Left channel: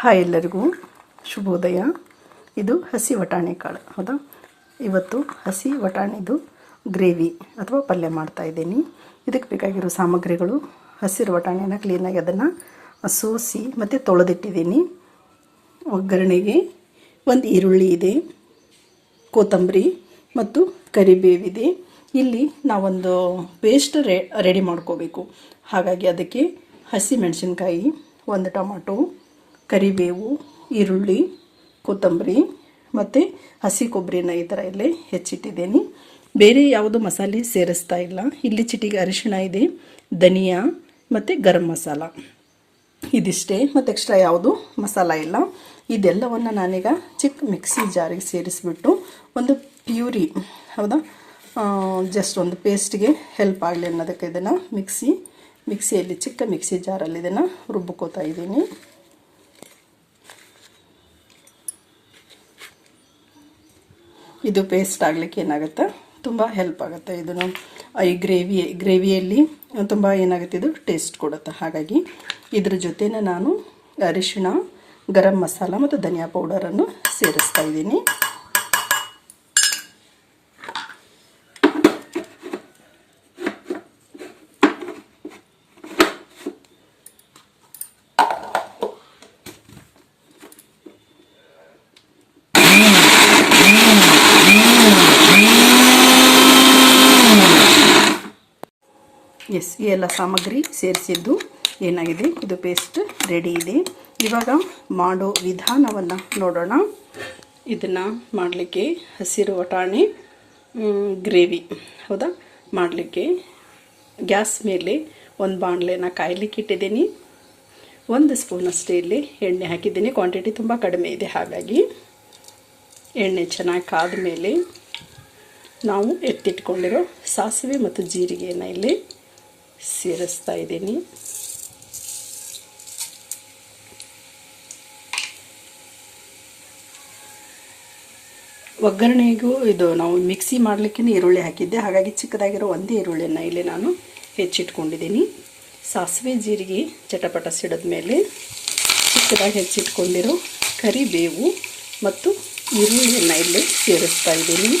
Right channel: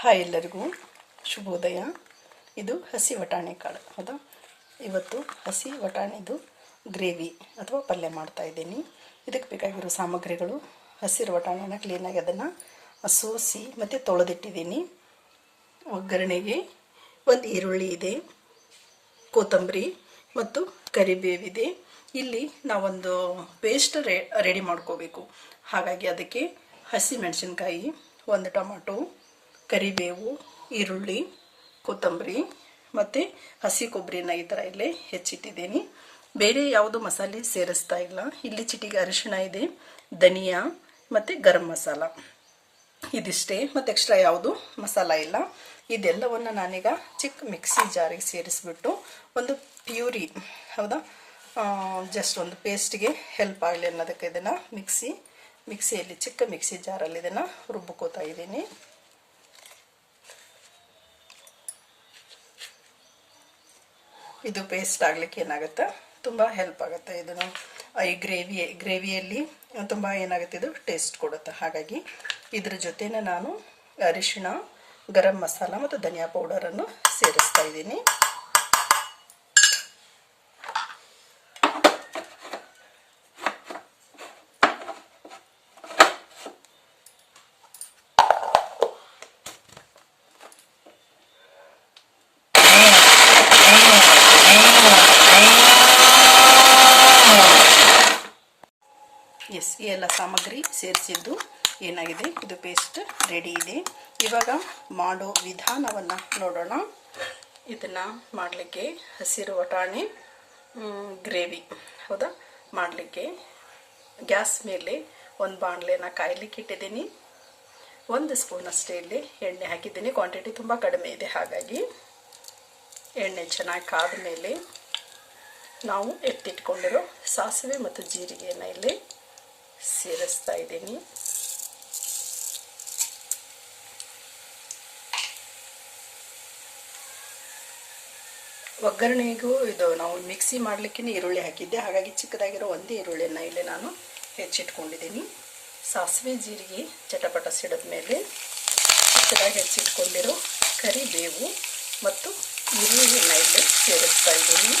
Hi ಎಲ್ಲರಿಗೂ ಶುಭೋದಯ. ಇದು ಹಸಿ ವಟಾಣಿ ಕಾಳು. ಹೌದಾ? ಇವತ್ತು ಹಸಿ ವಟಾಣಿದು ಗ್ರೇವಿ ಅಥವಾ ಪಲ್ಯ ಮಾಡ್ತಾ ಇದ್ದೀನಿ. ಇದಕ್ಕೆ ಬೇಕಾಗಿರೋ ಸಾಮಗ್ರಿಗಳು, ಹಸಿರು ವಟಾಣಿನ ಕ್ಲೀನಾಗಿ ಅದನ್ನು ಸೋಸಿ ಮತ್ತು ತೊಳೆದಿಟ್ಟಿದ್ದೀನಿ. ಒಗ್ಗರಣೆಗೆ ಒಂದು ಈರುಳ್ಳಿ ಇದೆ, ಕೊತ್ತಂಬರಿ ಮತ್ತು ಕರಿಬೇವಿದೆ ಇಲ್ಲಿ ನಾವೊಂದು ಪೇಸ್ಟ್ ರೆಡಿ ಮಾಡ್ಕೋಬೇಕು. ಹಾಗಾಗಿ ಅದಕ್ಕೆ ಹಸಿ ಮೆಣಸಿನ್ಕಾಯಿ, ಒಂದು ಟೊಮಾಟೊ ಕರಿಬೇವು, ಈರುಳ್ಳಿ, ಕೊತ್ತಂಬರಿ ಮತ್ತು ಹಸಿ ಕೊಬ್ಬರಿನ ಈ ಥರ ಇಲ್ಲೇ ಹೆಚ್ಚಿಟ್ಟಿದ್ದೀನಿ. ಬೇರೆ ಯಾವುದು ಮಸಾಲೆ ಸೇರಿಸ್ತಾ ಇಲ್ಲ. ಇಲ್ಲಿ ಚಿಟಿಗೆ ಅರಿಶಿಣ ಇದೆ, ಧನಿಯಾ ಮತ್ತು ಗರಂ ಮಸಾಲ. ಇದಿಷ್ಟೇ. ಮತ್ತು ಎಕ್ಸ್ಟ್ರಾ ಯಾವುದು ಮಸಾಲ ಇಲ್ಲ. ಇದೆಲ್ಲವನ್ನು ನಾನೀಗ ಚಿಕ್ಕ ಮಿಕ್ಸಿ ಜಾರಿಗೆ ಸೇರಿಸ್ಬಿಟ್ಟು ಒಂದು ಪ್ಯೂರಿ, ಹೌದಾ? ಜಸ್ಟ್ ಒಂದು ಪೇಸ್ಟ್ಗೆ ಹೆಲ್ಪ್ ಆಗಲಿ ಅನ್ನೋದಕ್ಕೆ ಇದನ್ನು ಮಿಕ್ಸಿ, ಮಿಕ್ಸಿಯಲ್ಲಿ ಚಿಕ್ಕ ಮಿಕ್ಸಿ ಜಾರಲ್ಲಿ ಇದನ್ನು ರುಬ್ಕೋತಾ ಇದ್ದೀನಿ. ಇದು ಪೇಸ್ಟ್ ಆಗ್ಲಿಕ್ಕೆ ಏನಾಗುತ್ತೆ? ತುಂಬ ಹೆಲ್ಪ್ ಆಗುತ್ತೆ. ಇದನ್ನು ಈ ಗ್ರೇವಿ ಗ್ರೇವಿಯಲ್ಲಿ ತುಂಬ ಏನಾಗುತ್ತೆ? ಇದು ಟೇಸ್ಟ್ ಕೊಡುತ್ತೆ. ಹಾಗಾಗಿ ಇದ್ರ ಜೊತೆನೇ ನಾನು ಅರಿಶಿಣ, ಗರಂ ಮಸಾಲ ಮತ್ತು ಧನಿಯಾ ಪೌಡರನ್ನು ಸೇರಿಸ್ತಾ ಇದ್ದೀನಿ. ಎಸ್ ಈ ಎಲ್ಲ ಸಾಮಗ್ರಿ ಸೇರಿಸಿದ್ದು ಏನಾಗಿದೆ? ಇದು ಪೇಸ್ಟ್ ರೆಡಿ ಇದೆ. ಇವಾಗ ಮಾಡೋ ವಿಧಾನವನ್ನು ನೋಡೋಣ. ಇದನ್ನು ಮಾಡಲಿಕ್ಕೆ ಹಸಿರು ವಟಾಣಿ ಗ್ರೇವಿ ಹೌದಾ? ಮಾಡಲಿಕ್ಕೆ ಗ್ಯಾಸ್ ಮೇಲೆ ಒಂದು ಬಾಣಲೆನ ಕಾಯಲಿಕ್ಕೆ ಇಟ್ಟಿದ್ದೀನಿ. ಒಂದು ಸ್ಪೂನ್ ಅಷ್ಟೇ ಇಲ್ಲಿ ಎಣ್ಣೆ ಹಾಕಿದ್ದೀನಿ. ಕ್ವಾಂಟಿಟಿ ತುಂಬ ಕಡಿಮೆ ಇದೆ. ಹಾಗಾಗಿ ಎಣ್ಣೆ ಚೆನ್ನಾಗಿ ಕಾದ ಮೇಲೆ ನಾವು ಎತ್ತಿಟ್ಕೊಂಡಿರೋ ಸಾಸಿವೆ ಮತ್ತು ಜೀರಿಗೆಯನ್ನು ಇಲ್ಲಿ ಸೇರಿಸ್ತಾ ಇದ್ದೀನಿ. ಒಗ್ಗರಣೆಗೂ ಇದು ನಾವು ಮಿಕ್ಸಿ ಮಾಡಲಿಕ್ಕೆ ಈರುಳ್ಳಿ ಹಾಕಿದ್ದೆ. ಹಾಗಾಗಿ ಚಿಕ್ಕದಾಗಿರೋ ಒಂದೇ ಈರುಳ್ಳಿಯನ್ನು ಇಲ್ಲಿ ನಾನು ಹೆಚ್ಚಿಟ್ಕೊಂಡಿದ್ದೀನಿ. ಸಾಸಿವೆ ಜೀರಿಗೆ ಚಟಪಟ ಸಿಡಿದ ಮೇಲೆ ಚಿಕ್ಕದಾಗಿ ಹೆಚ್ಚಿಟ್ಕೊಂಡಿರೋ ಕರಿಬೇವು ಮತ್ತು ಈರುಳ್ಳಿಯನ್ನು ಇಲ್ಲಿ ಸೇರಿಸ್ತಾ ಇದ್ದೀನಿ.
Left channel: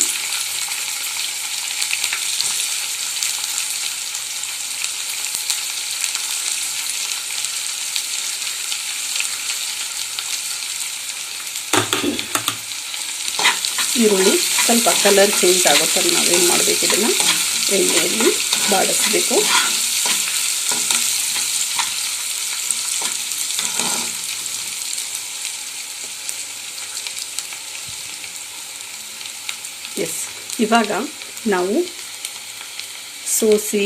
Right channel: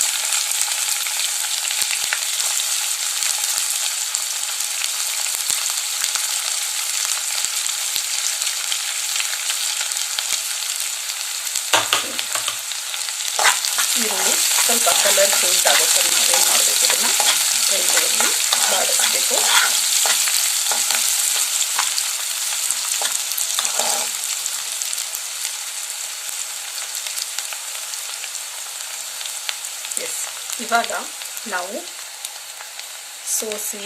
ಈರುಳ್ಳಿ, ಸ್ವಲ್ಪ ಕಲರ್ ಚೇಂಜ್ ಆಗೋ ಥರ ನಾವೇನು ಮಾಡಬೇಕು ಇದನ್ನು? ಎಣ್ಣೆಯಲ್ಲಿ ಬಾಡಿಸ್ಬೇಕು. ಎಸ್ ಇವಾಗ ನಾವು ಸೋಸಿ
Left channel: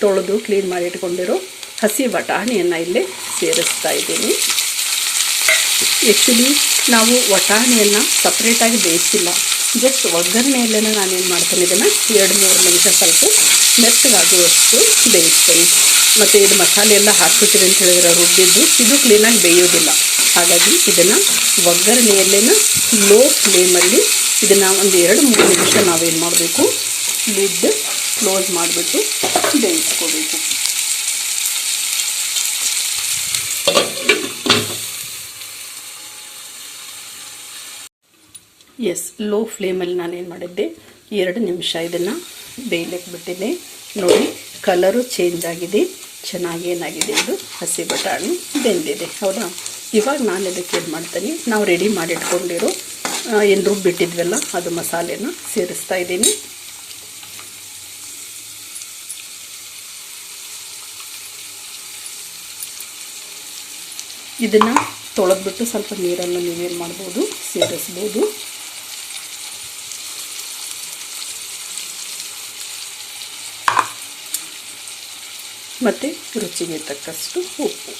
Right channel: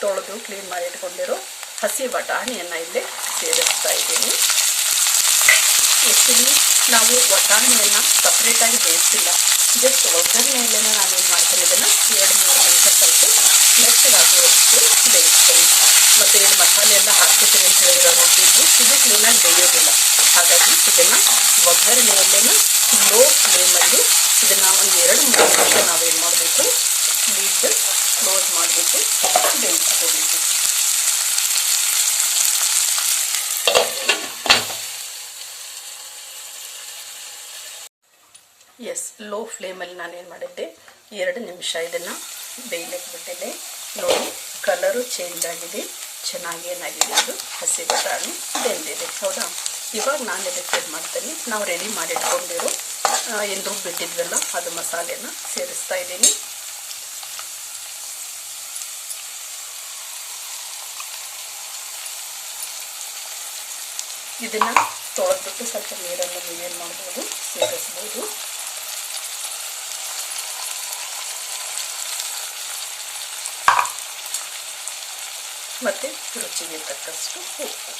ತೊಳೆದು ಕ್ಲೀನ್ ಮಾಡಿ ಇಟ್ಕೊಂಡಿರೋ ಹಸಿ ಬಟಾಣಿಯನ್ನು ಇಲ್ಲಿ ಸೇರಿಸ್ತಾ ಇದ್ದೀನಿ. ಆ್ಯಕ್ಚುಲಿ ನಾವು ವಟಾಣಿಯನ್ನು ಸಪ್ರೇಟಾಗಿ ಬೇಯಿಸಿಲ್ಲ ಜಸ್ಟ್ ಒಗ್ಗರಣೆಯಲ್ಲೇ ನಾನೇನು ಮಾಡ್ತೀನಿ, ಇದನ್ನು ಎರಡು ಮೂರು ನಿಮಿಷ ಸ್ವಲ್ಪ ಮೆತ್ತಗಾಗುವಷ್ಟು ಬೇಯಿಸ್ತೇನೆ. ಮತ್ತು ಇದು ಮಸಾಲೆ ಎಲ್ಲ ಹಾಕ್ಬಿಟ್ಟಿರಿ ಅಂತ ಹೇಳಿದ್ರೆ ರುಬ್ಬಿದ್ದು ಇದು ಕ್ಲೀನಾಗಿ ಬೇಯೋದಿಲ್ಲ. ಹಾಗಾಗಿ ಇದನ್ನು ಒಗ್ಗರಣೆಯಲ್ಲೇ ಲೋ ಫ್ಲೇಮಲ್ಲಿ ಇದನ್ನು ಒಂದು ಎರಡು ಮೂರು ನಿಮಿಷ ನಾವೇನು ಮಾಡಬೇಕು ಲಿಡ್ ಕ್ಲೋಸ್ ಮಾಡಿಬಿಟ್ಟು ಬೇಯಿಸ್ಕೋಬೇಕು. ಎಸ್ ಲೋ ಫ್ಲೇಮಲ್ಲಿ ನಾನೇನು ಮಾಡಿದ್ದೆ? ಎರಡು ನಿಮಿಷ ಇದನ್ನು ಬೇಯಲಿಕ್ಕೆ ಬಿಟ್ಟಿದ್ದೆ. ನೋಡಿ ಕಲರು ಚೇಂಜ್ ಆಗಿದೆ. ಚೆನ್ನಾಗಿ ಏನಾಗಿದೆ ಅದು ಹಸಿ ಬಟಾಣಿ ಬೆಂದಿದೆ. ಹೌದಾ? ಇವಾಗ ನಾನು ಇದಕ್ಕೆ ಏನು ಮಾಡ್ತೀನಿ? ನಾವು ರೆಡಿ ಮಾಡಿಟ್ಕೊಂಡಿರೋ ಏನು ರುಬ್ಬಿಟ್ಟಿದ್ವಲ್ಲ ಅದು ಮಸಾಲೆನ ಸೇರಿಸ್ತಾ ಇದ್ದೀನಿ. ಇದನ್ನು ತೊಳೆದ್ಬಿಟ್ಟು ಸ್ವಲ್ಪ ನೀರನ್ನು ನೀವೇನು ಮಾಡ್ಬೋದು, ಸೇರಿಸ್ಬೋದು. ಮತ್ತು ರುಚಿಗೆ ತಕ್ಕಷ್ಟು ಉಪ್ಪು.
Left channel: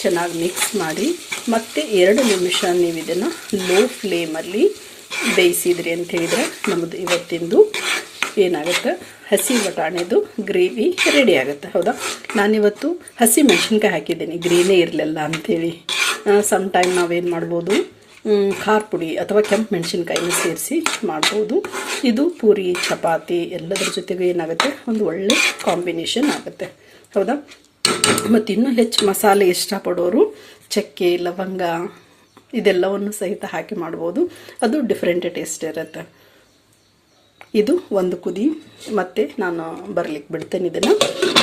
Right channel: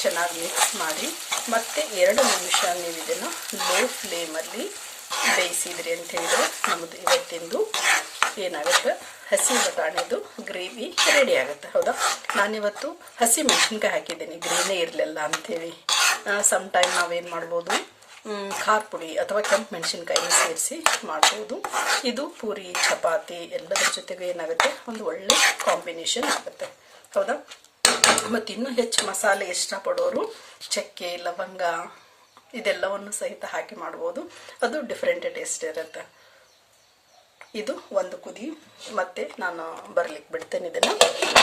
ಚೆನ್ನಾಗಿ ಮಿಕ್ಸ್ ಮಾಡಿ, ಮತ್ತೆ ಎರಡು ನಿಮಿಷ ನೀವು ಇದನ್ನು ಲೋ ಫ್ಲೇಮಲ್ಲಿ ಬೇಯಿಸಿದ್ರಿ ಅಂತ ಹೇಳಿದರೆ ನಮ್ಮದು ಇವತ್ತಿಂದು ಏನಾಗುತ್ತೆ? ಹಸಿ ಬಟಾಣಿದು ಗ್ರೇವಿ ರೆಡಿ ಆಗುತ್ತೆ, ಹೌದಾ? ನಾನಿವತ್ತು ಹಸಿ ಮೆಣಸಿನ್ಕಾಯಿ ಹಾಕಿದ್ದೀನಿ ಗ್ರೀನೇ ಇರಲಿಲ್ಲ ಅಂಥೇಳಿ ಸಮ್ ಟೈಮ್ ನಾವೇನು ಮಾಡ್ಬೋದು? ಖಾರ ಪುಡಿ ಅಥವಾ ಕೆಂಪು ಮೆಣಸಿನ್ಕಾಯಿನ ಸೇರಿಸಿ ಮಾಡ್ಬೋದು. ಇದು ಪೂರಿ, ಚಪಾತಿ ಎಲ್ಲದರ ಜೊತೆಗೂ ಏನಾಗುತ್ತೆ? ಒಂದು ಒಳ್ಳೆ ಕಾಂಬಿನೇಷನ್ ಆಗುತ್ತೆ. ಹೌದಾ? ಮತ್ತು ಇನ್ನೂ ಹೆಚ್ಚು ಮಸಾಲೆ ಇಷ್ಟಪಡೋರು ಚಕ್ಕೆ, ಲವಂಗ ಇದೆಲ್ಲವನ್ನು ಸಹಿತ ಹಾಕಿ ಮಾಡ್ಬೋದು. ಅದು ಡಿಫ್ರೆಂಟ್ ಟೇಸ್ಟ್ ಇರುತ್ತೆ. ಇದು ಒಂದು ಕುದಿ. ಮತ್ತೆ ನಾನು ಬರ್ಲಿಕ್ಕೆ ಬಿಡ್ತೇನೆ ಇದನ್ನು.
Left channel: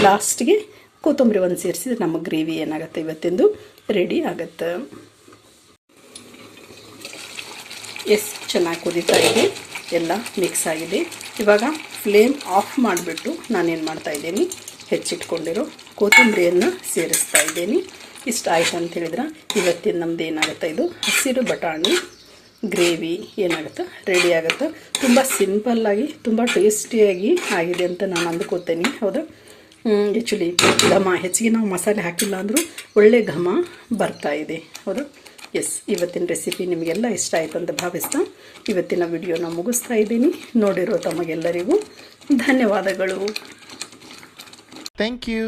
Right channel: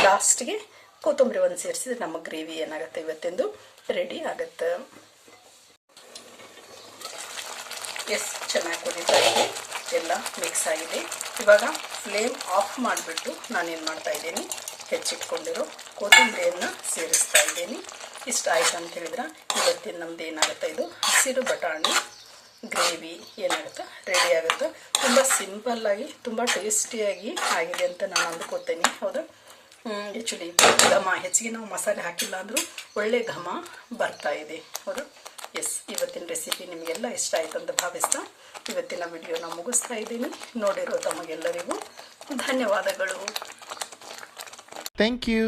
ಲಾಸ್ಟ್ಗೆ ಕೊತ್ತಂಬರಿ ಒಂದು ಸೇರಿಸಿದ್ರೆ ನಮ್ಮ ಗ್ರೇವಿ ಏನಾಗುತ್ತೆ ಇವತ್ತಿಂದು? ರೆಡಿ ಆಗುತ್ತೆ. ಎಷ್ಟು ಚೆನ್ನಾಗಿ ಕುದೀತಾ ಇದೆ ಎಲ್ಲ ಮಿಕ್ಸ್ ಆಗಿದೆ. ಇವಾಗ ಫ್ಲೇಮ್ ಆಫ್ ಮಾಡಿಬಿಟ್ಟು ನಾನೇನು ಮಾಡ್ತಾ ಇದ್ದೀನಿ, ಹೆಚ್ಚಿಟ್ಕೊಂಡಿರೋ ಕೊತ್ತಂಬರಿಯನ್ನು ಸೇರಿಸ್ತಾ ಇದ್ದೀನಿ. ಇಷ್ಟ ಆಯಿತು ಅಂತ ಹೇಳಿದ್ರೆ, ಇವತ್ತಿನ ನಮ್ದು ಏನಾಗುತ್ತೆ ಇದು? ಹಸಿರು ಬಟಾಣಿ, ಗ್ರೇವಿ ಏನಾಗುತ್ತೆ? ರೆಡಿ ಆಗುತ್ತೆ? ತುಂಬ ಸಿಂಪಲ್ಲಾಗಿ ತುಂಬ ಟೇಸ್ಟಿಯಾಗಿ ಆಗಿದೆ ಅಂತ ನಾನು ಅಂದ್ಕೋತೇನೆ, ಹೌದು? ಆ್ಯಕ್ಚುಲಿ ಘಮ, ಹೆಚ್ಚಿಗೆ ನಾವು ಮಸಾಲೆ ಹಾಕಿಲ್ಲ ಅಂದರೂ ಒಳ್ಳೆ ಘಮ ಬರ್ತಾ ಇದೆ, ಹೌದಾ? ಎಸ್ ಇವತ್ತಿನ ರೆಸಿಪಿ ನಿಮಗೆಲ್ಲ ಇಷ್ಟ ಆಯಿತು ಅಂತ ಭಾವಿಸ್ತಾ ಇವತ್ತಿನ ವಿಡಿಯೋನ ಮುಗಿಸ್ತಾ ಇದ್ದೀನಿ ನೋಡಿರೋ ತಮಗೆಲ್ಲರಿಗೂ ಧನ್ಯವಾದಗಳು ಥ್ಯಾಂಕ್ you.